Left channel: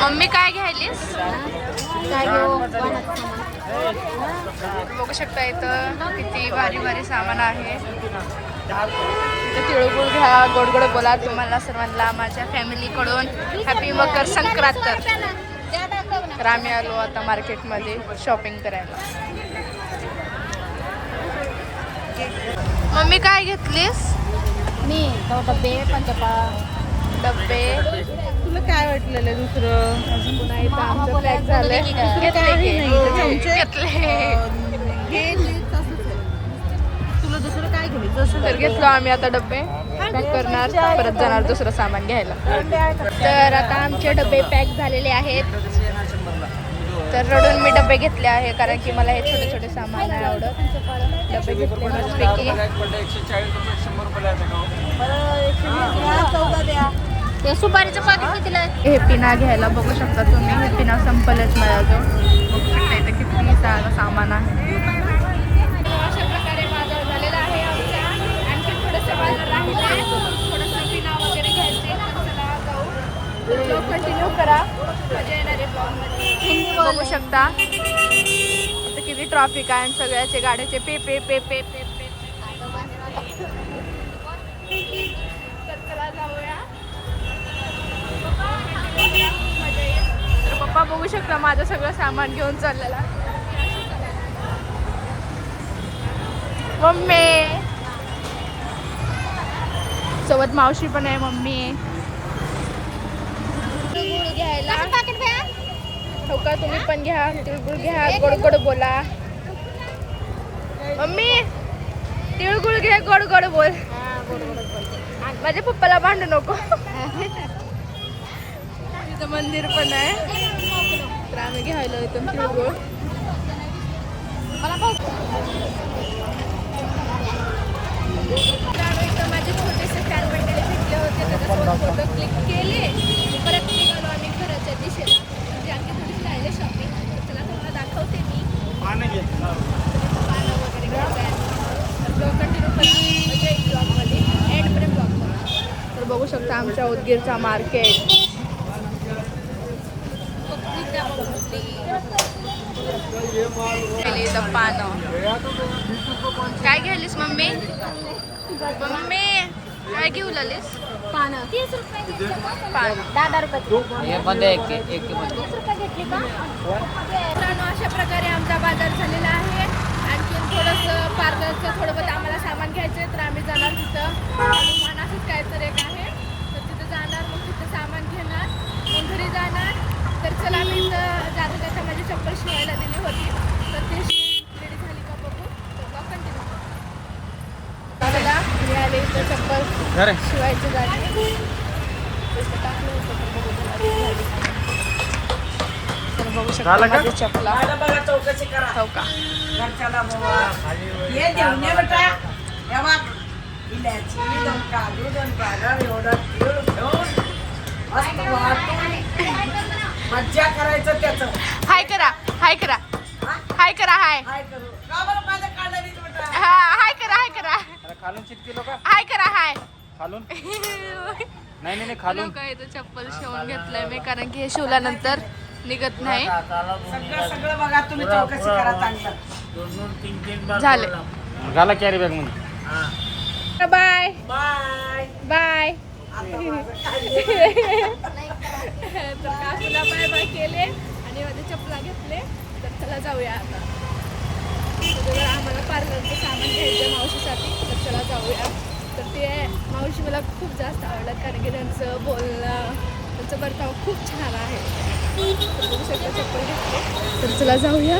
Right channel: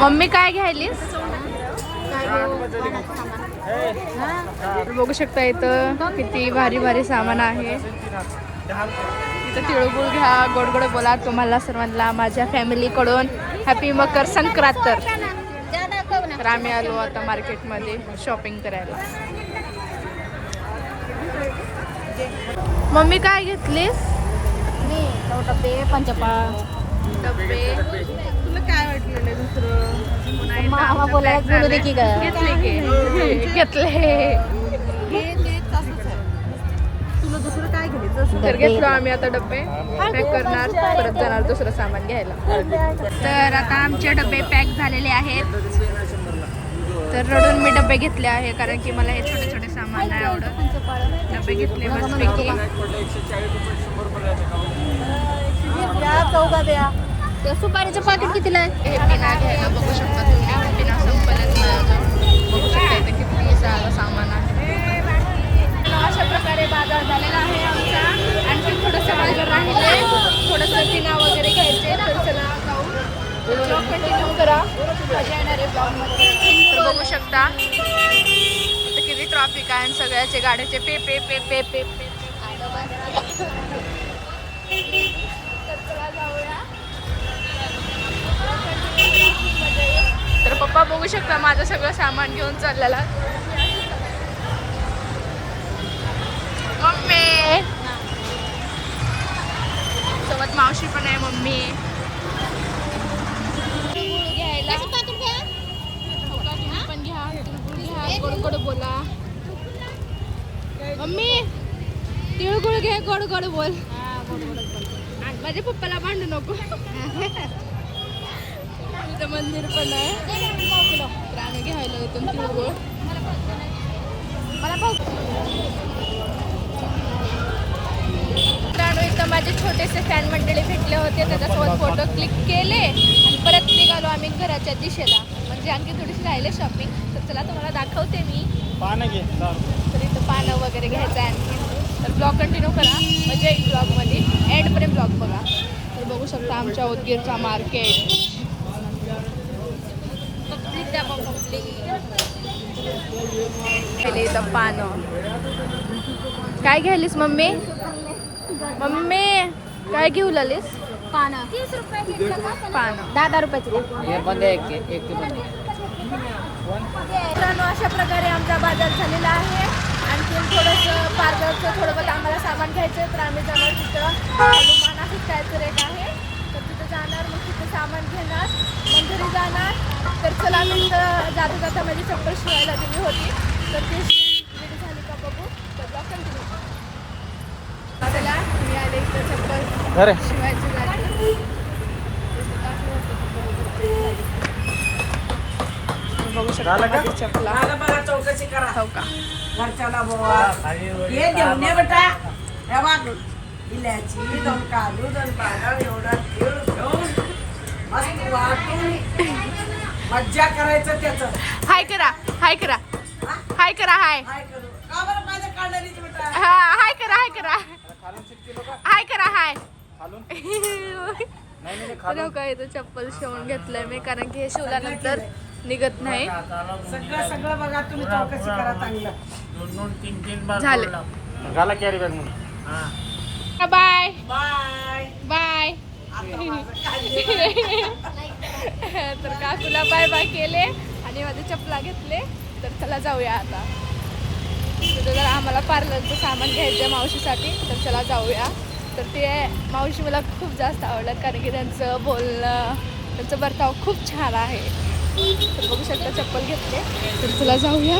Mummy काय घ्यायलीस? बघू शकता इथं किती भारी भारी सामान आहे. इथं तिळगुळ घ्या, गोड गोड बोला. तुम्हाला सर्वांना माझ्या फॅमिलीकडून हॅपी मकर संक्रांत. तर आम्ही आलो आता मार्केटमध्ये शॉपिंग करायला. मम्मी काय घेतलीस? डब्बे. तुला काय वाटलेलं दुसरं? पुन्हा इथं आमचं पॅक झालं. घेतले तुला दुसरं काय घ्यायचं? तर घेतलो आम्ही आता डब्बे. पॅक करणार, परत जाणार दुसरं सामान घ्यायला. तर आता आमचे डबे पॅक झालेले आहेत. तर रडून मी डबे घेतले आहे कारण की मला हे छोटे छोटे सामान नाही आवडत. डबे घेतले मस्तपैकी. ते सुपारीचं पाकिट कितीला आहे? हे पिना घ्यायला बघू शकता तुम्ही. हे पिना संपलेत माझ्याजवळ. बघू शकता इथं किती सामान आहे. अशा प्रकारे बाजार झालेला आहे आमचा. आणखी थोडंसं बाजार राहिले, थोडंसं पिना वगैरे घ्यायचे. तर चला जाऊ. ब्लॉग कंटिन्यू करा, मजा येणार आहे ब्लॉगमध्ये. तर बघू शकता इथं किती ट्रॉफिक आहे आणि सगळ्याचे गाड्याचे पे पे पे पे पे पे. तर चला जाऊया. मजा येईल. तर पप्पा बघू शकता माझं सगळं सामान घेऊन चाललेला. मम्मी सोबत मावशी पण आहे. मम्मी तिळगुळ घ्यायला. हो का, तुम्ही पण घ्या. तिळगुळ घ्या, गोड गोड बोला. मम्मी तिळगुळ घे, गोड गोड बोल. माझ्या पप्पाला भांडू नको. तिथं मंदिर पण आहे. तर आम्ही घ्यायला इथून तिळगुळ. इथं माझे छोटेसे फॅन मंडळी भेटले होते. त्याच्यासोबत फोटो क्लिक केले आणि परत निघालो आम्ही घराच्या दिशेला. म्हणजे आणखी थोडीशी राहिले शॉपिंग. तर चला तुम्हाला दाखवते मी. तर इथं पानं वगैरे घ्यायचं आहे. तर ब्लॉग कंटिन्यू करा, म्हणजे एक ब्लॉगमध्ये एंडपर्यंत ब्लॉग बघा. तर बघू शकता आमच्या उदगीरचा मार्केट. इथं पानं. काय घ्यायलीस मम्मी? मम्मी काय घेऊ लागलीस? पानं पानं 10 रुपयाचे. मित्रांनो अशा प्रकारे आमचा बाजार झालेला आहे. आणखीन थोडंसं पार्लरचं थोडं बहुत आम्हाला सामान घ्यायचं आहे. तर आम्ही जाणार तिथं हनुमान असंच काय तर एक आहे. तर तिथं जाणार, मग तिथं सामान घेणार, मग घरी जाणार. तर चला मी इथं जाता जाता माझी चप्पल शिवायला दिली होती. तर ती रेडी झाली का बघू. तर ब्लॉग कंटिन्यू करू. चला मी आले इथं चप्पल शिवायचं जागी. टाकलं होतं तर बघू तुला रेडी झाली. बघू शकता माझी चपला. हो का, मज्जा करायचं त्याचं. हाय करा, हाय करा, हाय करा, हाय हाय करा, हाय करा, हाय करा, हाय. काय इथं चप्पल शिवून घेतलंय मी कारण की हे शिवल्यानंतर निघत नाही. सगळं बघा तुम्ही, चौकशी करा चांगलं. झाले. Bye bye bye. तर काकूला बाय बाय केले आणि माझे चपला घेतले. तर चला जाऊया आता. तर आम्हाला पार्लरचं सामान घ्यायचं मावशीसाठी. तर चला जाऊया. तर ते मावशी मला खूप जास्त आवडलं कारण की त्यांचं बोलणं, त्यांचं बर्ताव खूप छान आहे. तर बघू शकता चप्पल घेतले. तर चला जाऊया.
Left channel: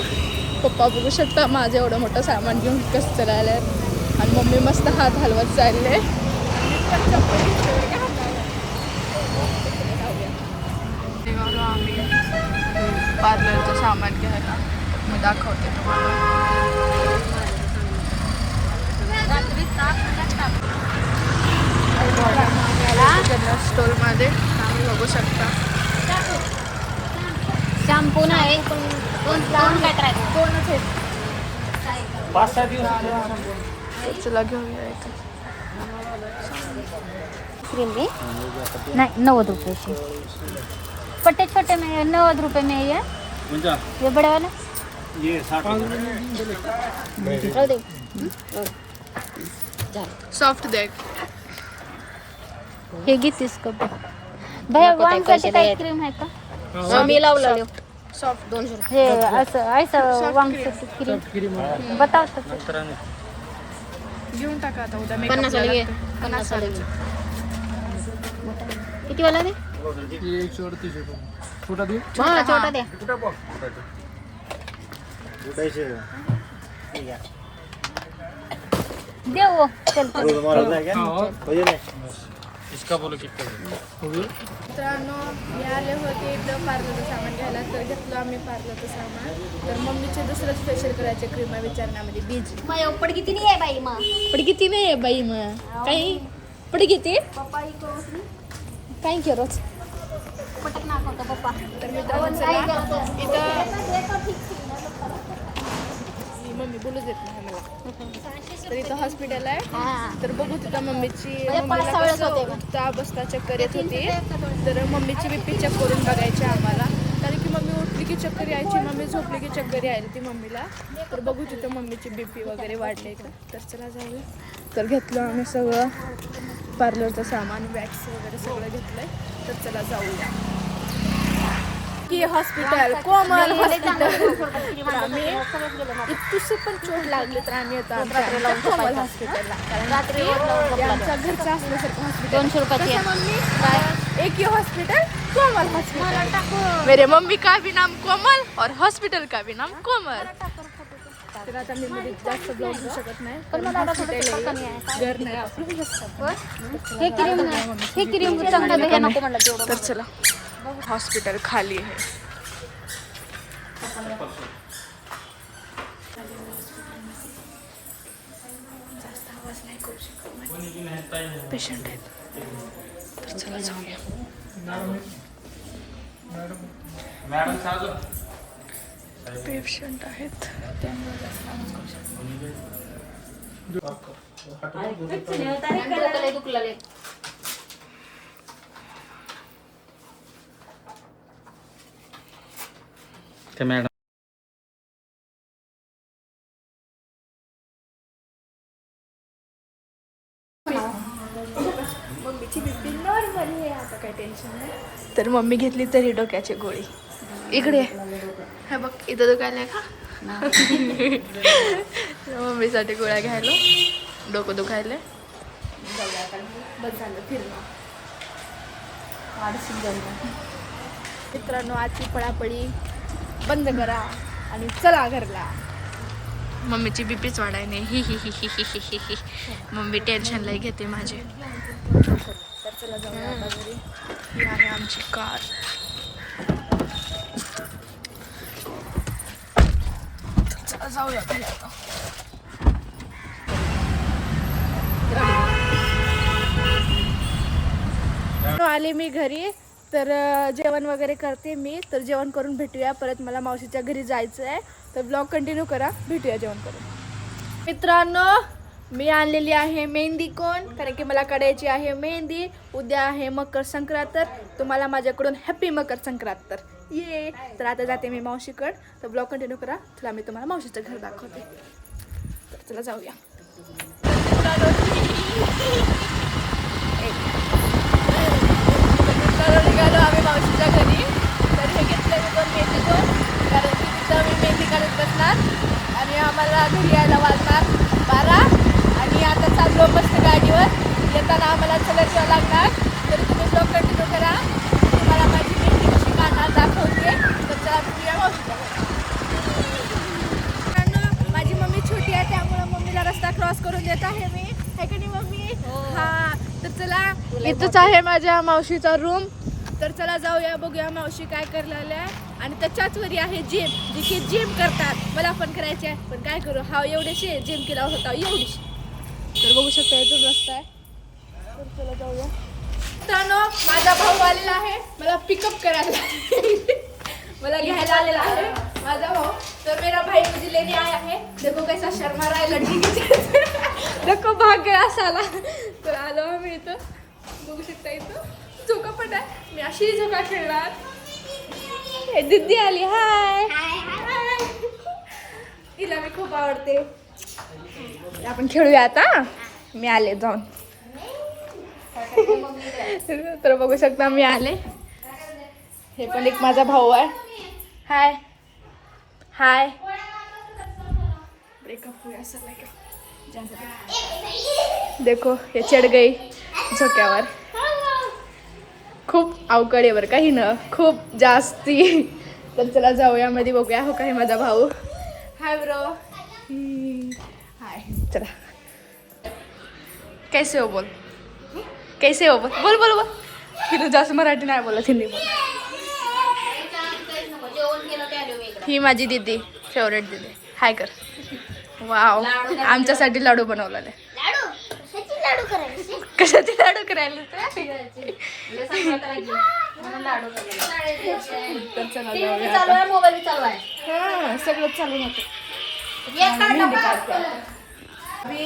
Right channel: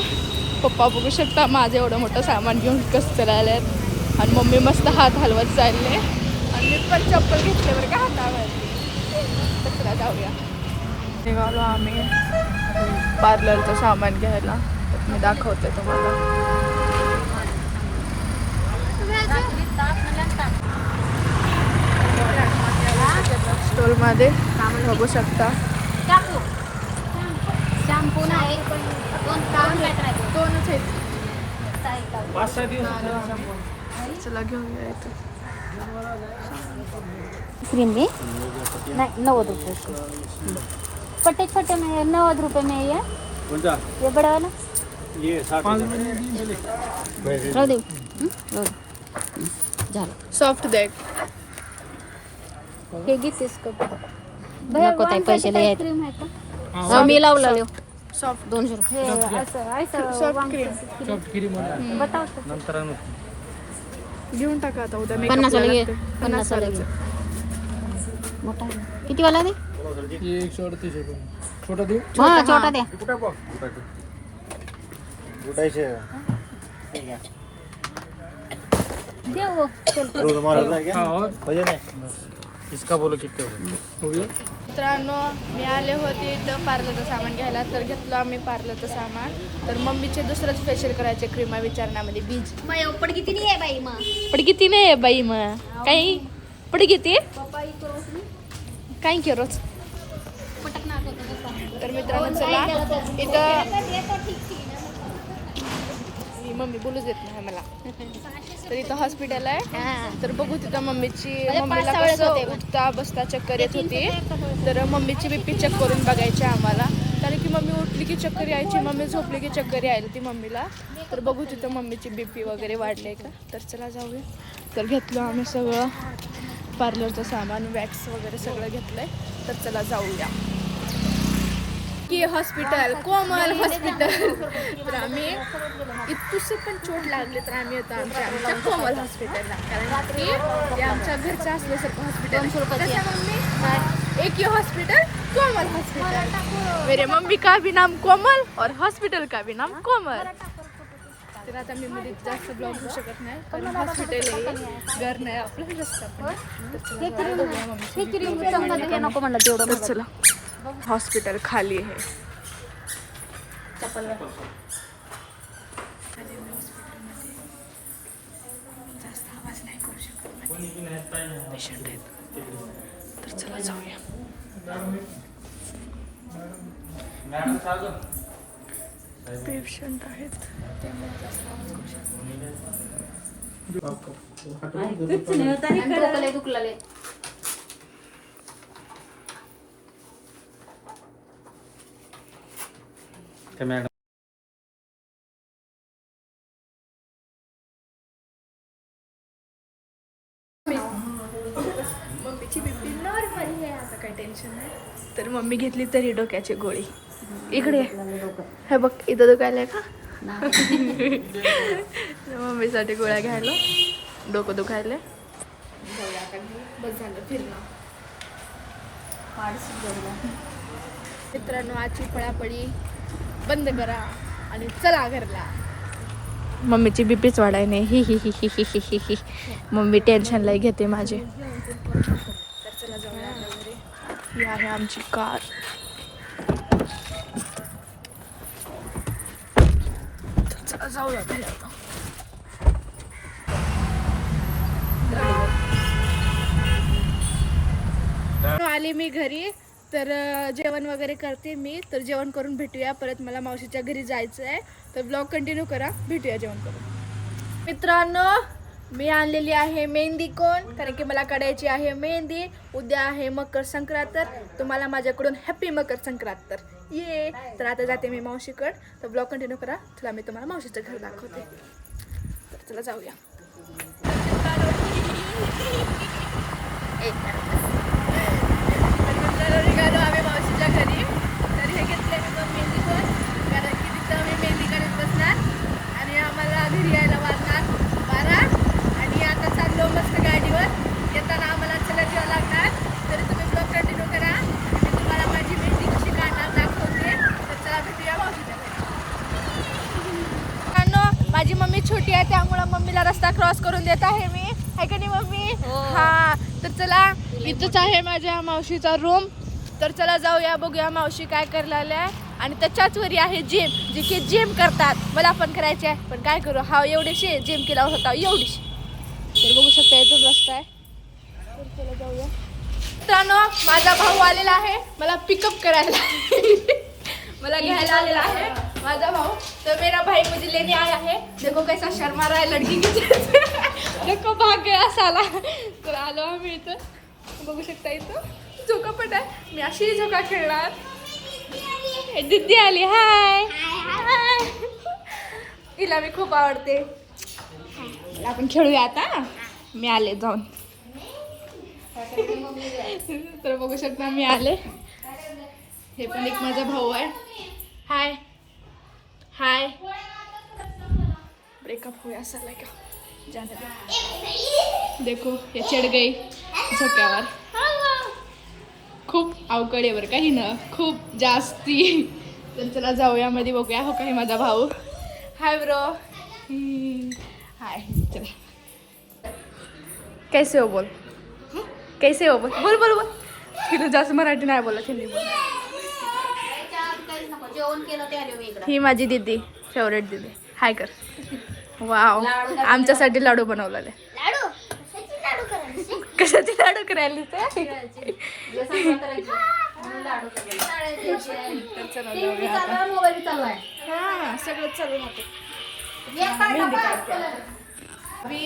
पप्पा बघू शकता माझं एवढं मोठं सामान घेऊन कसं चालले आहेत. आणि मम्मी मस्त हात हलवत चालले. आणि मी पण चप्पल घेतल्यावर का हातावर. तर चला जाऊया. निघालो आम्ही पार्लरचं सामान घ्यायला. तर मी दाखवते तुम्हाला. स्टॉलमध्ये बघू शकता. शॅम्पू नाही, दोनच आहेत. चला घेऊया इथं. नाही 90 रुपये. पट्टे छोटे में 90 रुपए में ये बड़े वाला राहू दे. सॉफ्ट दे. हे घेतीस का भैया नको ते पैसे द्यायचे. क्रीम आहे का Soft, लावलं soft. सॉफ्ट 200 हे असं सॉफ्ट क्रीम बताव घेऊन टाका आता उद्या 50 मेकअपला वाली लागते 50 वाल्याचं. किती वाला दे छोटा देऊ छोटा छोटा द्या दे वो चल इसका बोलो कितना हो गया मित्रांनो मी आले होते इथं पार्लरचं सामान घ्यायला तर घेतलं आम्ही पार्लरचं सामान. तर मम्मीचे दुसरंच फेशियल करायचे क्रीमा विचारण्यामध्ये बीज माझ्या उपड किती नाही आहे बाई मा पण किती नाही आहे बाई मग काही पण किती पप्पा इकडं काही केरोच. पटक नाक होता पप्पा तर मित्रांनो चला इथं ठीक मी मम्मी बोलूच देत नाही मला. तर इथं हॉस्पिटल आहे तर बघू तिथं मम्मीला कसं उठता बसता चक्कर येत होती. तर मम्मीची बीपी चेक करून बघायची आम्हाला. कारण की मम्मी उठली की चक्कर यायची मम्मी झोपली की चक्कर यायला ती मम्मीला. तर बघू तिथं मम्मीची बीपी वगैरे वाढले का. तर चला जाऊया. तर घेतलं आम्ही सगळं पार्लरचं सामान वॅक्स वगैरे सगळं घेतलंय. तर चला जाऊया की हॉस्पिटल कोमल हॉस्पिटल. तर आम्ही इथून पण चोट लागले तर आम्ही येतो आमच्या कोमल हॉस्पिटलला. कारण की ते आमच्या घरचं असल्यासारखं हॉस्पिटल. कसं मम्मी एक ही हॉस्पिटल कोमल हॉस्पिटल. मेरे मम्मी का भी नाम कोमल और हॉस्पिटल का भी नाम कोमल. तर आता मी मध्ये जास्त ब्लॉग घेऊ शकत नाही कारण हॉस्पिटल आहे घर नाही आपलं जास्त आपण. हे क्रीम चांगलं द्या नको म्हणलं तेवढं तर चला हॉस्पिटल खाली आहे. जास्त आवाज नाही करू शकत पेशंट आहेत. तर चला जाऊया. पेशंट आहेत त्यामुळे जास्त आवाज करू शकत डोकं लय दुखलं लय. मॅडम मम्मीची बीपी नॉर्मल आहे आता काही टेन्शन नाही. तर मम्मी घेतली तरी डोक्याची गोळी. इकडे हे बघ इथं दुखायला का मम्मीसाठी गोळ्या घ्यायला डोकं दुखायला. जाऊया आता बस झालं फिरणं. मित्रांनो आजची पळापळी बंद करा आणि चला घरला. मम्मीची बीपीच वाढाय नाही ही ही ही ही ही ही ही. मम्मी टेन्शनला घेते माझे. तर चला जाऊया आता घरी. ही आहे आमची कार. चला जाऊया घरी आता. आले मी घरी तर जेवण वगैरे करते मी. तर जेवण करून भेटूया परत. मला मावशीच्या घरी जायचं आहे. तर ब्लॉग कंटिन्यू करा. भेटूया जेवण करून. मित्रांनो मी आणलेली आहे मेहंदी कोण कारण की मला काढायची आहे मेहंदी. उद्या आहे मकर संक्रांत. तर तुम्हाला माझ्याकडून हॅपी मकर संक्रांत. तर ये तर आता जाते मी मावशीकडं. तर ब्लॉग कंटिन्यू करा. चला मी तुम्हाला मावशीचं घर दाखवते. तर चला जाऊया. निघालो आम्ही मावशीच्या घरी. तर हे घेतलं मी दोन मेहंदी कोण कारण की तिथं मी मेहंदी काढत बसणार आणि आम्हाला घरी यायला वाजणार 12. आणि आता चाललो मस्त गाडीवर. येताना आम्हाला चलत यावं लागणार. तरी तिथे ब्लॉग कंटिन्यू करा. तुम्हाला माझी मेहंदी कशी काढणार दाखवते. तर चला भेटूया मावशीच्या घरी. माझी मम्मी छोटी आहे त्यामुळं मम्मीला रस्ता क्रॉस करून देत आहे मी. आहे का नाही मम्मी? हां तर चला इथंच आहे माझ्या मावशीचा रूम. तर चला जाऊया बघूया मावशी काय करायला आहे. आणि त्याच्याच वरी आहे जिम जे की जिम करतात. मला पण करायचे आहे पण काय करू हा एवढीशी जिम केला होता एवढीशी. तर बघू शकता इथून रस्ता आहे. तर चला जाऊया. मित्रांनो माझा भाऊ आलेला आहे मला पिकअप करायला. मला घ्यायला आलेला आहे माझा भाऊ. तर मेरा भाई मुझे लेने आया है. देखो कैसा शर्मा रहा है लड़की की जैसे. देखो भाग गया साला. तर आलो आम्ही इथं बघू शकता. इथं झोका पण आहे. मी अशी झोका खेळणार. दीदी आली. हाय. तिला मी खूप आवडते. आपण खेळूया आता. मी आले जाऊन. तर बघू शकता मी आले. हे पण एक माझा भाऊ आहे. हाय हाय. ब्रेकअप हुआ सर लाइक देखो ये चढ़ गई झोक्यावर. खूप अवकळ आहे बरं का ही न खूप जास्ती. तर चला जाऊया मध्ये बघूया. हो का हे माझा भाऊ. Hi bro. हाय. चला. कैसे हो बोल. कैसे हो बोल बोल बोल बोल. फिर जास्त मराठी नाही बोलत हिंदी बोल. ही माझी दीदी फेवरेट दीदी. हाय कर. वाव आमच्यासाठी लाडू बनवलेले. कशाचे लाडू करायला हाँ सगळं चालू राहतं. अभी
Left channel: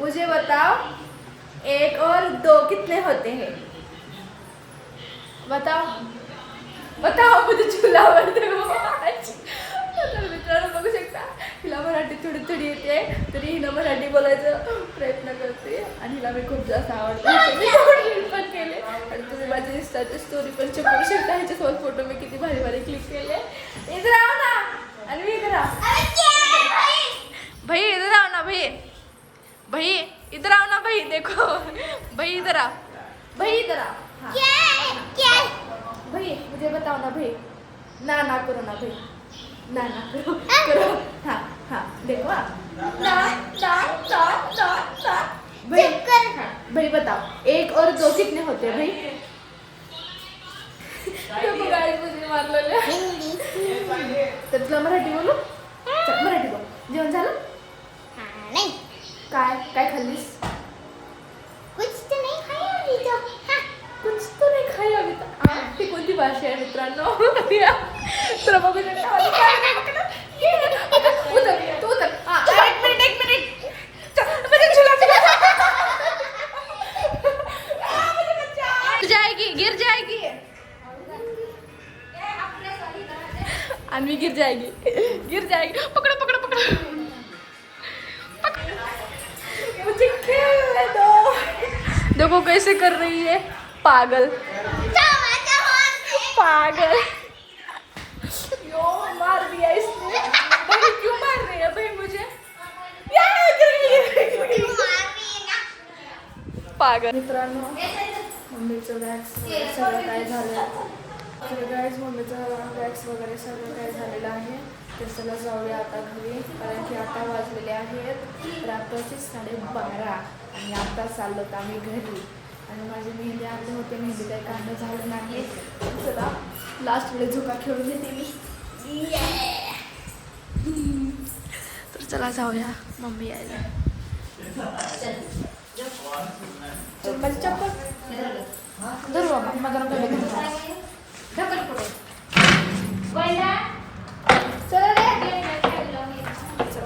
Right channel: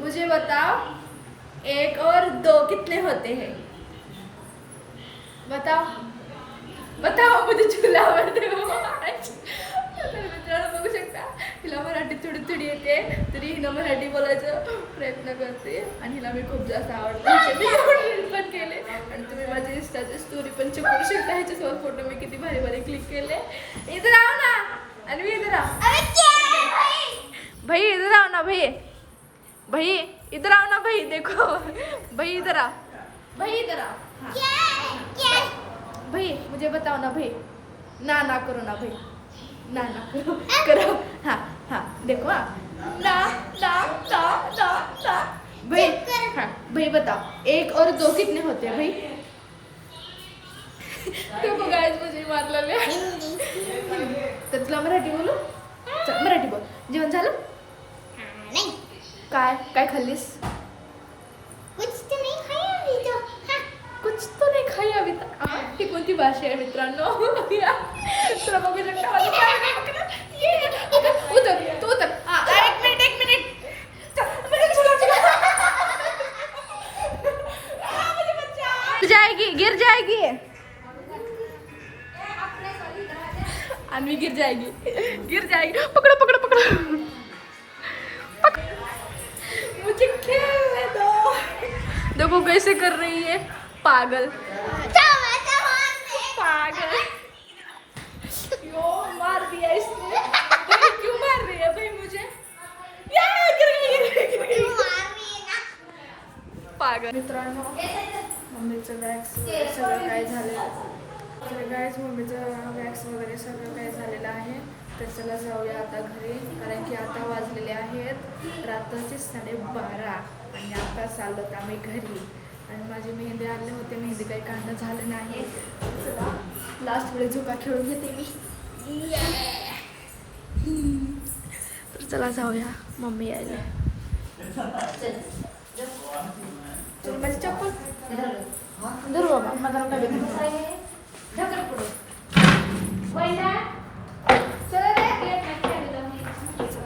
मुझे बताओ 1 और 2 कितने होते हैं. बताओ बताओ. मुझे चूल्हा आवडते. मित्रांनो बघू शकता हिला मराठी थोडी थोडी येते तरी हिनं मराठी बोलायचं प्रयत्न करते आणि हिला मी खूप जास्त आवडते. मी रील पण केले आणि तुम्ही माझी इंस्टाची स्टोरी पण चेक करू शकता. ह्याच्यासोबत फोटो मी किती भारी भारी क्लिक केले. इधर आओ ना. आणि मी इधर आओ. भाई इधर आओ ना भाई. भाई इधर आओ ना भाई. देखो भाई इधर आओ. भाई इधर आओ. हाँ भाई मुझे बताओ ना भाई. ना करो ना भाई. ना करो करो. हाँ हाँ देखो. ना भाई. हाँ भाई बताओ 1 और 2 कितने होते हैं भाई. देखो गाइस मुझे मारलेले. तर तुला मराठी बोलू. चल मराठी बोल. जेवण झालं. नाही काय काय खाल्लीस. कुछ तो नहीं खाया अभी तो. कुछ तो नाही खाई अभी तक. ही कोणती भाषा आहे मित्रांनो. तर बघू शकता माझं काय उतर तू उतर. एक मिनिट तू जाएगी गिर जाएगी. अन्वी गिर जाएगी. पकड़ो. मुझे खेलने दो. देखो कैसे कर रही है पागल. यो मार दिया इसने. भाई क्यों मार रही है भाई मुझे. गिर गई. पागल. मित्रांनो मम्मीचं वॅक्स वगैरे सगळं काय झालं. तर गाईज मम्मीचं वॅक्स वगैरे सगळं काय झालेलं आहे. तर चला जाऊया आता घरी कारण की आता वाजलेले आहेत रात्रीचे 12:30 आणि आता चाललो तर आम्ही घरी. आणि माझी मेहंदी आणले होते. मेहंदी काही काढणं झालं नाही. चला लास्ट वेळेस झोका खेळून घेते मी. तर चला जाऊया. मम्मी यायला. माझी चप्पल धरू माझा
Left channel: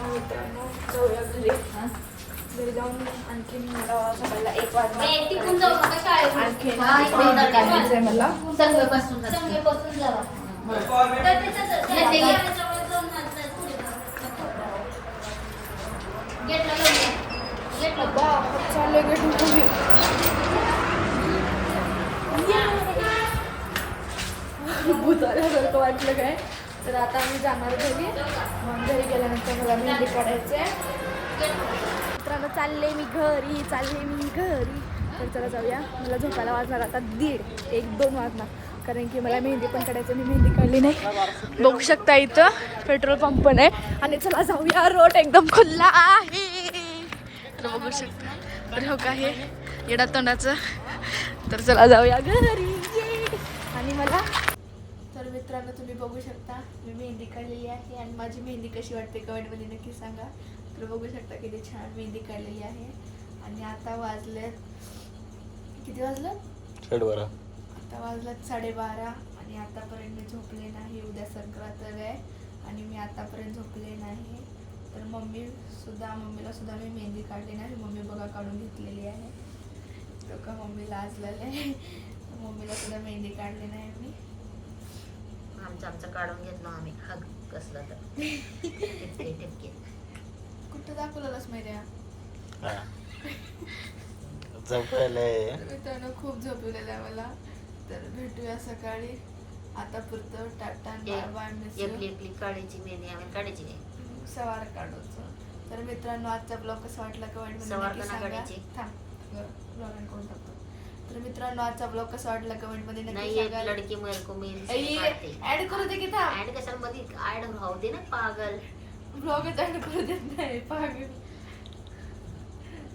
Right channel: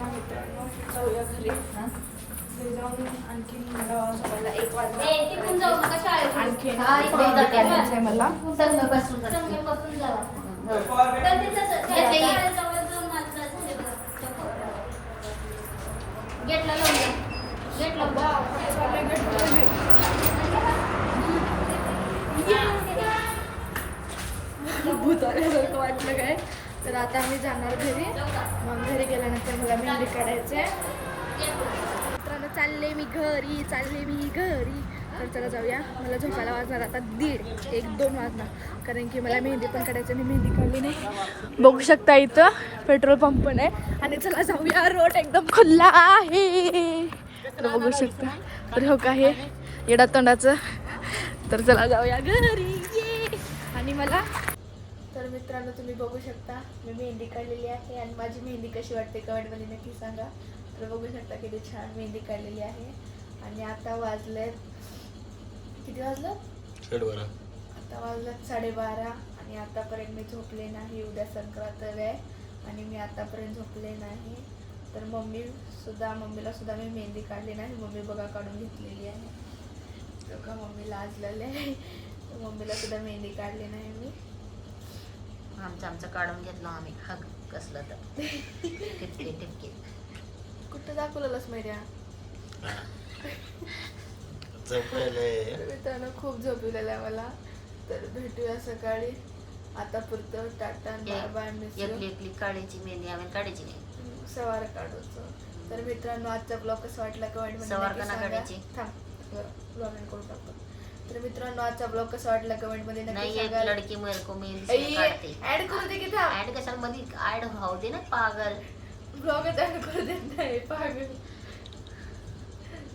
मित्रांनो जाऊया घरी. घरी जाऊन आणखीन मला सकाळला 1 वाजता आणखीन काढायचं आहे मला. चालले भूत आल्यासारखं वाटलं काय. तर आता मी जाणार घरी. मग घरी गेल्यानंतर मला मेहंदी काढायची आहे. मित्रांनो चालले मी घरी. तर चला जाऊया. मला झोपायला वाजणार आता 1-2 वाजणार कारण की मला मेहंदी पण काढायची आणि मेहंदी काढली नाही. बघू शकता इथं पेट्रोल पंप पण आहे. आणि चला जाऊया. रोड एकदम खुल्ला आहे. तर बघू शकता. तर हो का हे येडा तोंडाचं. तर चला जाऊया घरी. आणि मला तर मित्रांनो तुम्ही बघू शकता मी मेहंदी काढलेली आहे. आणि माझी मेहंदी कशी वाटते कमेंटमध्ये नक्की सांगा. तर बघू शकता किती छान मेहंदी काढलेली आहे. आणि आता वाजलेत किती वाजलं. 12:30. आता वाजलं 12:30. आणि आतापर्यंत मी झोपले नाही. उद्या संक्रांत आहे आणि मी आतापर्यंत झोपले नाही. तर मम्मीला सुद्धा मी मेहंदी काढली नाही. मम्मी बघा काढून घेतलेली आहे. का मम्मीला लाजलेले. मम्मीला सुद्धा मेहंदी काढली नाही मी. आमचं काढून घेतला आम्ही हग कसला तर टिपके टिपके कुठं दाखवलेलंच माहिती आहे झोपायलंय मित्रांनो खूप झोपलेलं आहे मला तर भेटूया सकाळी आता पुरतं tata bye bye miss you एकली एकली काढायची मेहंदी आम्ही काढायची नाही सवार काढूचं तर मित्रांनो आजचा ब्लॉग कसा वाटला कमेंट मध्ये सवार नक्की का सांगा काढायची? थांब ब्लॉग एंड करून टाकतो तर मित्रांनो आजचा ब्लॉग कसा वाटला कमेंट मध्ये नक्की नाही एक सांगा लडकी मेरे को मेहंदी काढते ऍड करू दे की थांब ऍड कशाला मध्ये ऍड राहू दे ना पागल ब्लॉगच ऍड करू देत नाही पागल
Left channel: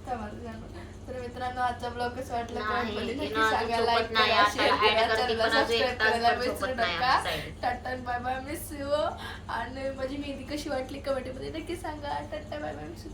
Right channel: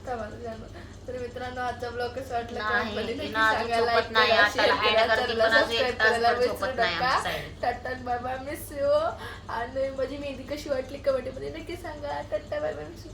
थांबा तुझ्यानं. तर मित्रांनो आजचा ब्लॉग कसा वाटला नाही, कमेंट मध्ये नक्की तिनं अजून सांगा लाईक झोपत नाही, करा आता शेअर add करा करते, चॅनलला पण अजून सबस्क्राईब एक तास करायला तर विसरू झोपत नाही नका आमच्या side. Tata bye bye miss you आणि माझी मेहंदी कशी वाटली कमेंट मध्ये नक्की सांगा tata bye bye miss you